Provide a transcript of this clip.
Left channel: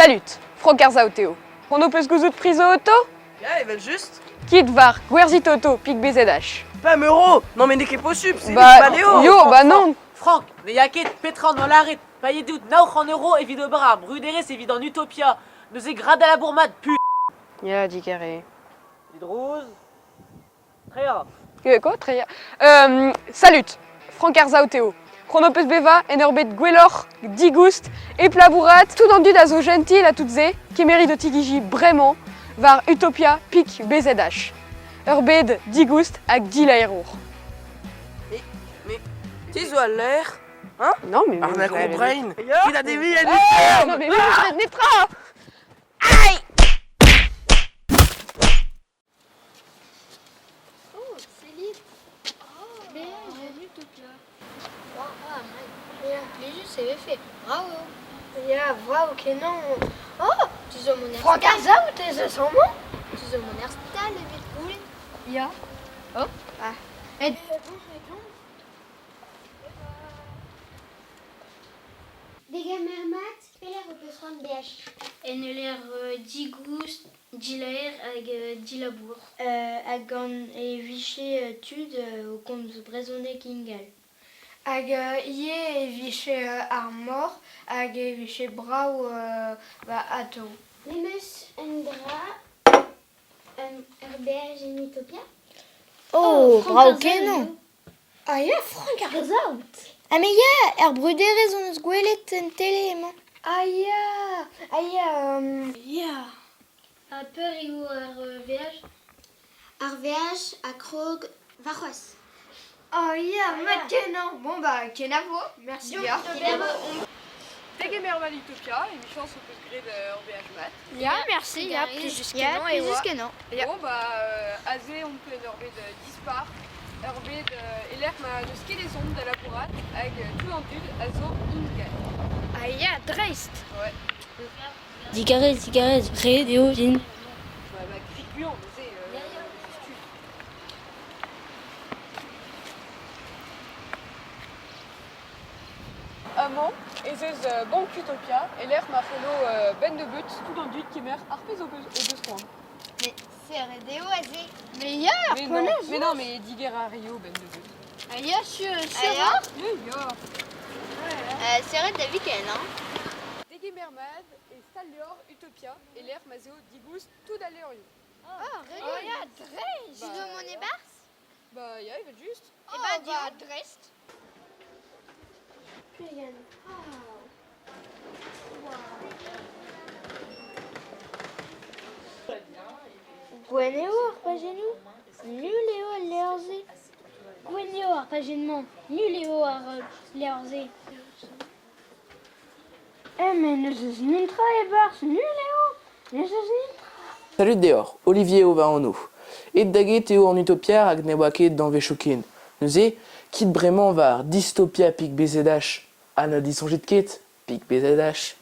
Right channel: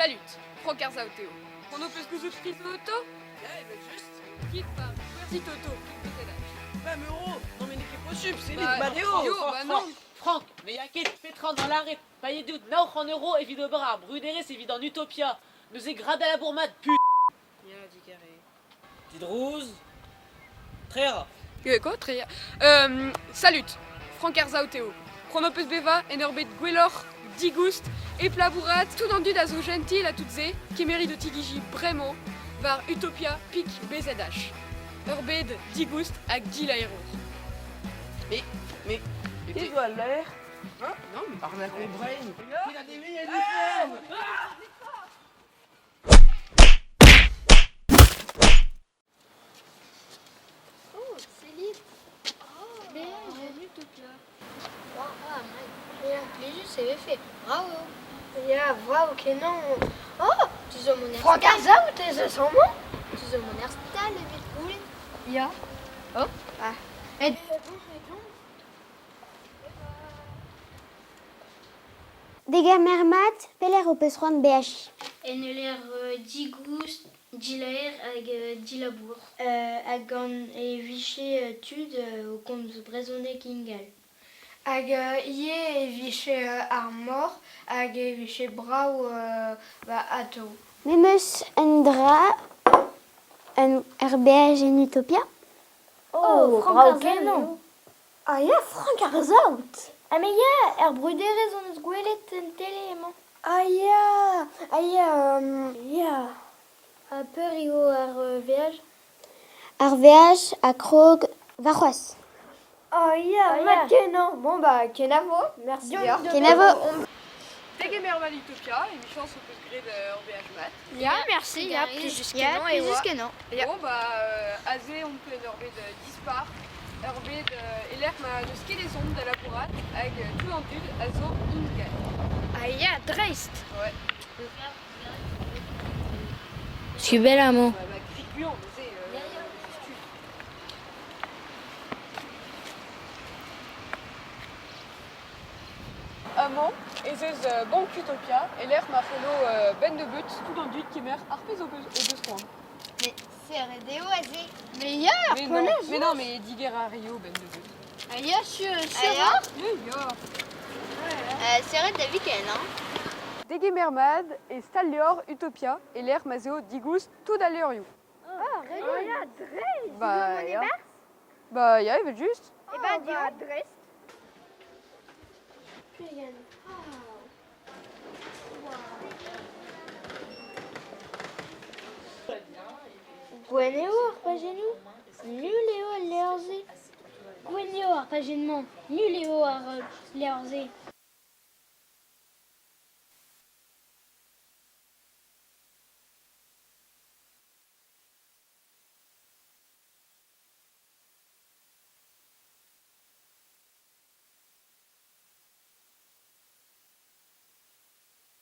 Salut, Francarza Théo. On opus gouzout priso auto? Ja, even juste. Kit var gwerzit auto pik BZH. 20 €. Non mais n'est qu'est possible, c'est Bah, Léo. yo, bah non. Franck, le yaket Petran dans l'arrêt, payé doute, naoch en euros, évident bram, Rudere, c'est évident Utopia, nous est grade à la bourmade, pu. Ya, dit carré. Tidrouz, Tréa. Quoi, très salut, Francarza Théo. Chronopus beva, enerbet gwellor, digust, et plabourat, tout endu d'azo gentil à toutes et, qui mérite de tigiji vraiment, var Utopia pik BZH. Urbed, digust, ak dilaerour. Mais, tu vois l'air. Hein? Non, mais. On a compris. Il a des vies, elle Non, mais je vais te netra. Oh, Céline. Oh, mais j'ai Utopia. Ja, Pléjus avait fait. Bravo. Ja, bravo, que non. Oh, tu zo mon erste. Francarza ou t'es zo sans moi? Tu zo mon erste tal, vite cool. Ja. Oh. Ah. Et Dega mermat, peler o peus c'hoant BH. En l'air digust, dilaer hag dilabour. Hag an e viché tud au compte brezonnet kingal. hag ie e viché ar mor, hag e viché brau ato. Memeus un dra, un RBH en Utopia. Oh, bravo que non. Ah ja, Francarza out. Ah mais ya, brudere zon eus gwelet en tele, man. Ah ja, ja. A peur eo ar VH. RVH a krog varroas. Oh ja, mat que non. Bon bah, kenavo. Merci bien. Kenavo. Tegemermal Utopia, émission sur plus gré de RBH Mat. Ja, merci, ja, plus jusqu'à non, et jusqu'à non. Bon, bah, azé, on peut Urbed dispar. Urbed, l'air m'a de ski les ondes de la bourrate, avec tout en dude, azo, ingal. Ah ja, dreist. Ouais. Digarez, ré, déo, vin, subel amant. Bah, cricuant, mais c'est. Amant, et c'est Banque Utopia, et l'air m'a follow ben de but, tout en dude qui mère arpez au deux soins. Mais c'est Redéo azé. Mais ja, Mais non, mais Digera Rio, ben de but. ah ja, sur Ah Yeah. c'est Red de week-end, hein. Degemermad et Stallior Utopia, et l'air mazeo digus tout d'aléorio. Oh ja, dreist. Bah, ja. Bah, ja, il veut juste. Et bah, dis dreist. Gweneo arpagenou, nuléo ar lerzé. Gweneo arpagenement, nuléo ar lerzé. Mais ne se nintra e bars, nuléo, ne se nintra. Salut Deor, Olivier au en nous. Et daguet Théo en Utopia hag ne waket dans Vechokin. Nous est kit bremañ var dystopia pik BZH. Anna disonjit ket pik BZH.